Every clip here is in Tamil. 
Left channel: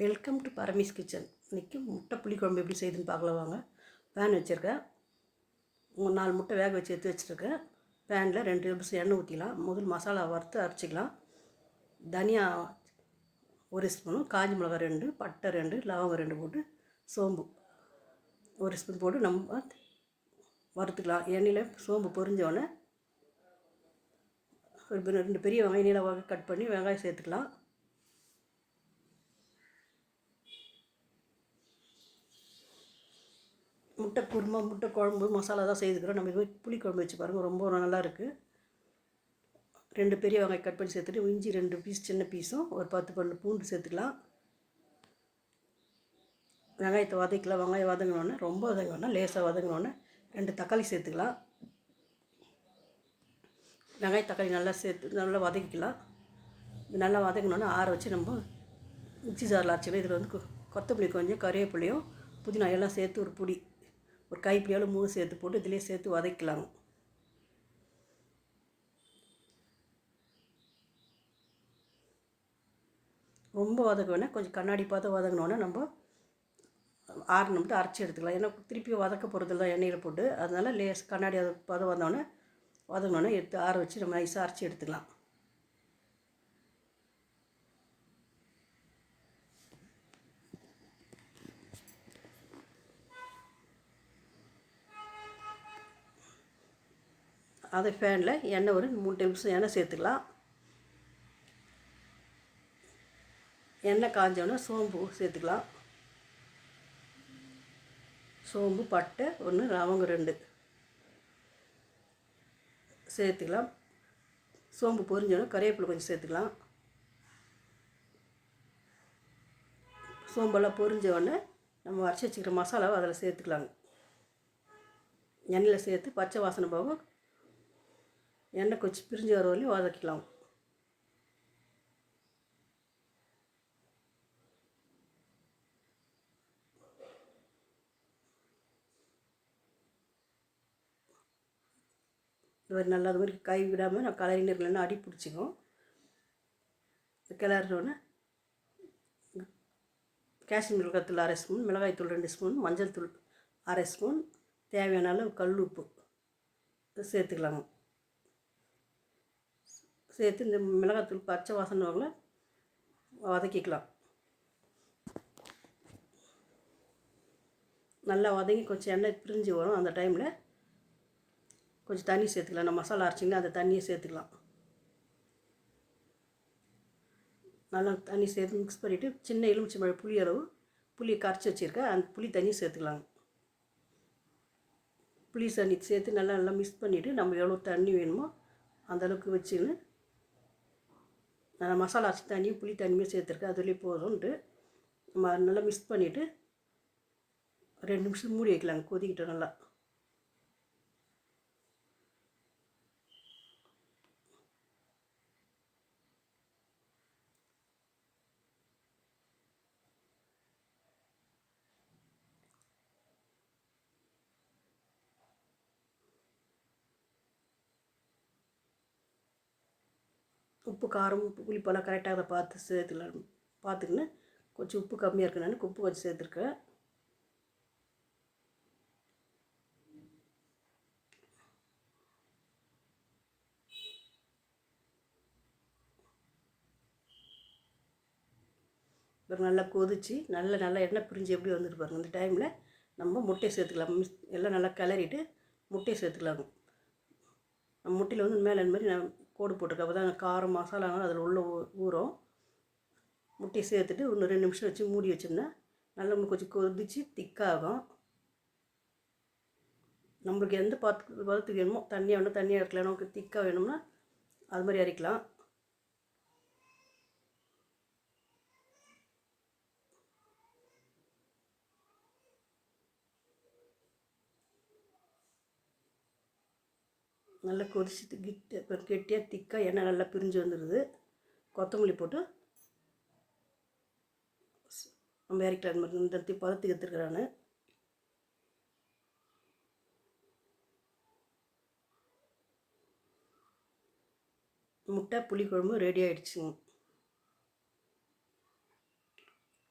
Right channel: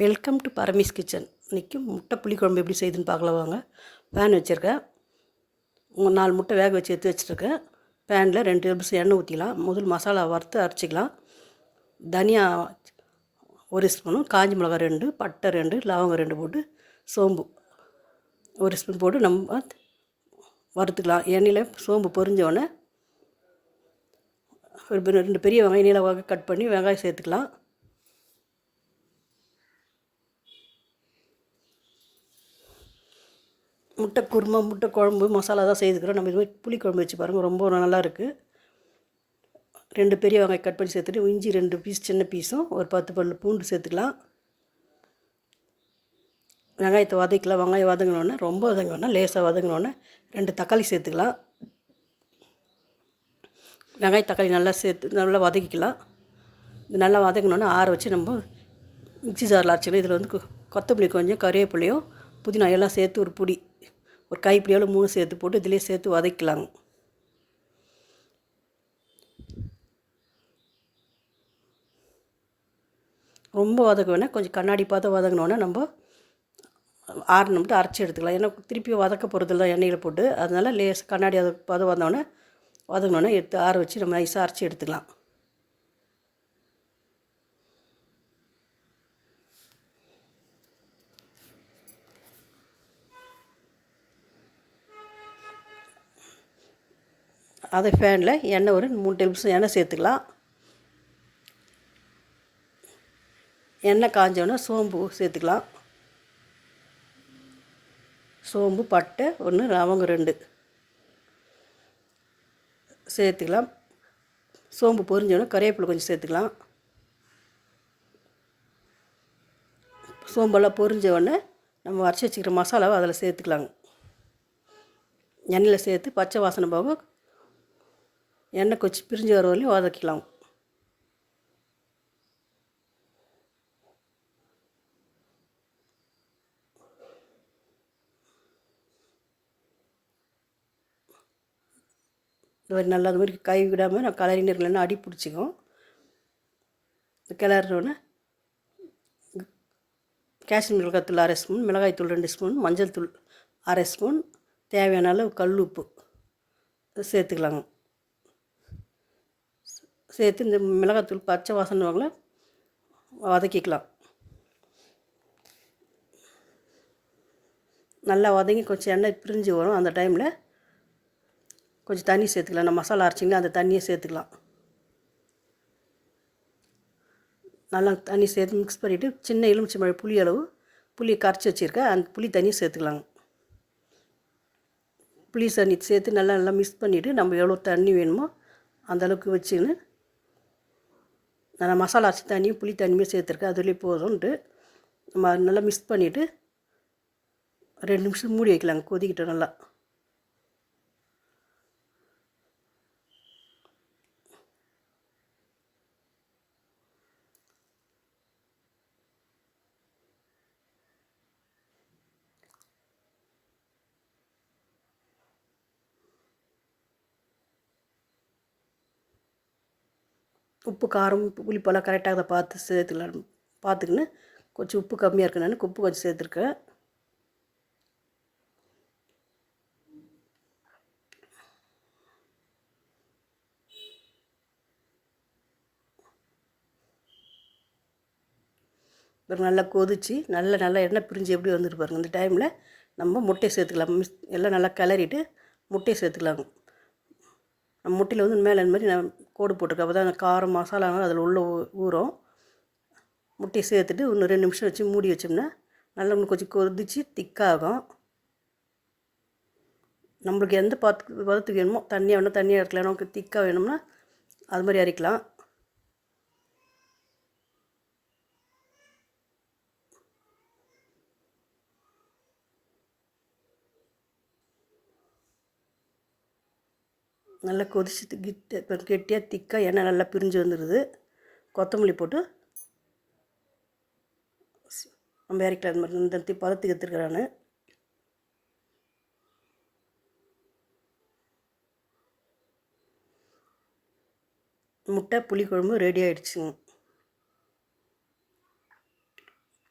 Welcome to பரமீஸ் kitchen. இன்றைக்கி முட்டை புளிக்குழம்பு எப்படி செய்யுதுன்னு பார்க்கலாம் வாங்க. பேன் வச்சுருக்கேன். நாலு முட்டை வேக வச்சு எடுத்து வச்சுருக்கேன். பேனில் ரெண்டு டேபிள்ஸ் எண்ணெய் ஊற்றிக்கலாம் முதல் மசாலா வறுத்து அரைச்சிக்கலாம். தனியா ஒரு ஸ்பூனும் காஞ்சி மிளகாய் ரெண்டு பட்டை ரெண்டு லவங்கம் ரெண்டு போட்டு சோம்பு ஒரு ஸ்பூன் போட்டு நம்ம வறுத்துக்கலாம். எண்ணெயில் சோம்பு பொரிஞ்சோடனே ஒரு ரெண்டு பெரிய வெங்காயம் நீளமாக கட் பண்ணி வெங்காயம் சேர்த்துக்கலாம். முட்டை குருமா முட்டை குழம்பு மசாலா தான் செய்துக்கிறோம். நம்ம இதுமாதிரி புளி குழம்பு வச்சு பாருங்கள் ரொம்ப நல்லா இருக்குது ரெண்டு பெரிய வெங்காயம் கட் பண்ணி சேர்த்துட்டு இஞ்சி ரெண்டு பீஸ் சின்ன பீஸும் ஒரு பத்து பல்லு பூண்டு சேர்த்துக்கலாம். வெங்காயத்தை வதக்கலாம் வெங்காயம் வதங்கினோடனே ரொம்ப வதங்கினோடனே லேசாக வதங்கினோடனே ரெண்டு தக்காளி சேர்த்துக்கலாம். வெங்காய தக்காளி நல்லா சேர்த்து நல்லா வதக்கிக்கலாம். இது நல்லா வதங்கினோடனே ஆற வச்சு நம்ம மிக்சி ஜாரில் அரைச்சிக்கலாம். இதில் வந்து கொ- கொத்தமல்லி கொஞ்சம் கறிவேப்பிலையும் புதினா எல்லாம் சேர்த்து ஒரு பொடி ஒரு கைப்பிடியால் மூணு சேர்த்து போட்டு இதிலே சேர்த்து வதக்கலாங்க. ரொம்ப வதக்க வேணால் கொஞ்சம் கண்ணாடி பார்த்து வதங்கினோன்னா நம்ம ஆறு மட்டும் அரைச்சி எடுத்துக்கலாம். ஏன்னா திருப்பி வதக்க போகிறதில்ல எண்ணெயில் போட்டு. அதனால லேஸ் கண்ணாடி அது பதம் வந்தோடனே வதங்கினோடனே எடுத்து ஆற வச்சு நம்ம நைஸாக அரைச்சி எடுத்துக்கலாம். அதை ஃபேனில் எண்ணெய் ஒரு மூணு டேபிள் ஸ்பூன் எண்ணெய் சேர்த்துக்கலாம். எண்ணெய் காஞ்சோடனே சோம்பு சேர்த்துக்கலாம். சோம்பு பட்டை ஒன்று லவங்கம் ரெண்டு. சேர்த்துக்கலாம். சோம்பு பொரிஞ்சோடனே கறிவேப்பிலை கொஞ்சம் சேர்த்துக்கலாம். சோம்பெல்லாம் பொரிஞ்ச உடனே நம்ம அரைச்சி வச்சுக்கிற மசாலாவை அதில் சேர்த்துக்கலாங்க. எண்ணெயில் சேர்த்து பச்சை வாசனை போக எண்ணெய் கொச்சி பிரிஞ்சு வர வரையும் வதக்கலாம் இது மாதிரி நல்லா அது மாதிரி கை விடாமல் நான் கலரின்னு இருக்கலன்னா அடி பிடிச்சிக்கும். கிளறினோடனே காஷ்மீர் மிளகாத்தூள் அரை ஸ்பூன் மிளகாய்த்தூள் ரெண்டு ஸ்பூன் மஞ்சள் தூள் அரை ஸ்பூன் தேவையான அளவு கல் உப்பு. சேர்த்துக்கலாங்க. சேர்த்து இந்த மிளகாத்தூள் பச்சை வாசனை வாங்கல வதக்கிக்கலாம் நல்லா வதங்கி கொஞ்சம் எண்ணெய் பிரிஞ்சு வரும் அந்த டைமில். கொஞ்சம் தண்ணி சேர்த்துக்கலாம். நம்ம மசாலா அரைச்சிங்களா அந்த தண்ணியை சேர்த்துக்கலாம். நல்லா தண்ணி சேர்த்து மிக்ஸ் பண்ணிவிட்டு சின்ன எலுமிச்சை மழை புளி அளவு புளியை கரைச்சி வச்சுருக்கேன் அந்த புளி தண்ணியை சேர்த்துக்கலாங்க புளி தண்ணி சேர்த்து நல்லா நல்லா மிக்ஸ் பண்ணிவிட்டு நம்ம எவ்வளோ தண்ணி வேணுமோ அந்த அளவுக்கு வச்சுன்னு நான் மசாலா அரிசி தண்ணியும் புளி தண்ணியுமே சேர்த்துருக்கேன். அதுலேயே போதும்ன்ட்டு நம்ம நல்லா மிக்ஸ் பண்ணிவிட்டு ரெண்டு நிமிஷம் மூடி வைக்கலாங்க. கொதிக்கிட்டோம் நல்லா. உப்பு காரம் புளிப்பெல்லாம் கரெக்டாக அதை பார்த்து சேர்த்துக்கலாம் பார்த்துக்கின்னு கொஞ்சம் உப்பு கம்மியாக இருக்குன்னு உப்பு கொஞ்சம் சேர்த்துருக்கேன். பாருங்க நல்லா கொதிச்சு நல்ல நல்லா எண்ணெய் பிரிஞ்சு எப்படி வந்துட்டு பாருங்க. இந்த டைமில் நம்ம முட்டையை சேர்த்துக்கலாம். மிஸ் எல்லாம் நல்லா கிளறிட்டு முட்டையை சேர்த்துக்கலாங்க முட்டையில் வந்து மேலே இந்த மாதிரி நான் கோடு போட்டிருக்கேன். அப்போ தான் அந்த காரம் மசாலாலாம் அதில் உள்ள ஊறும். முட்டையை சேர்த்துட்டு இன்னும் ரெண்டு நிமிஷம் வச்சு மூடி வச்சோம்னா நல்லா இன்னும் கொஞ்சம் கொதிச்சு திக்காகும் நம்மளுக்கு எந்த பாத்து பதத்துக்கு வேணுமோ தண்ணியாக வேணும் தண்ணியாக இருக்கலாம் நமக்கு திக்காக வேணும்னா அது மாதிரி அரைக்கலாம். நல்லா கொதிச்சு கிட்ட இப்போ கெட்டியாக திக்காக எண்ணெய் நல்லா பிரிஞ்சு வந்துடுது கொத்தமல்லி போட்டு நம்ம இறக்கலாம் இந்த மாதிரி இந்த பதத்துக்கு எடுத்துருக்கிறேன் முட்டை புளிக்குழம்பு ரெடி ஆகிடுச்சுங்க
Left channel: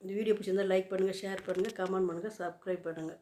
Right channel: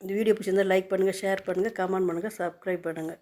இந்த வீடியோ பிடிச்சிருந்தால் லைக் பண்ணுங்கள் ஷேர் பண்ணுங்கள் கமெண்ட் பண்ணுங்கள் சப்ஸ்கிரைப் பண்ணுங்கள்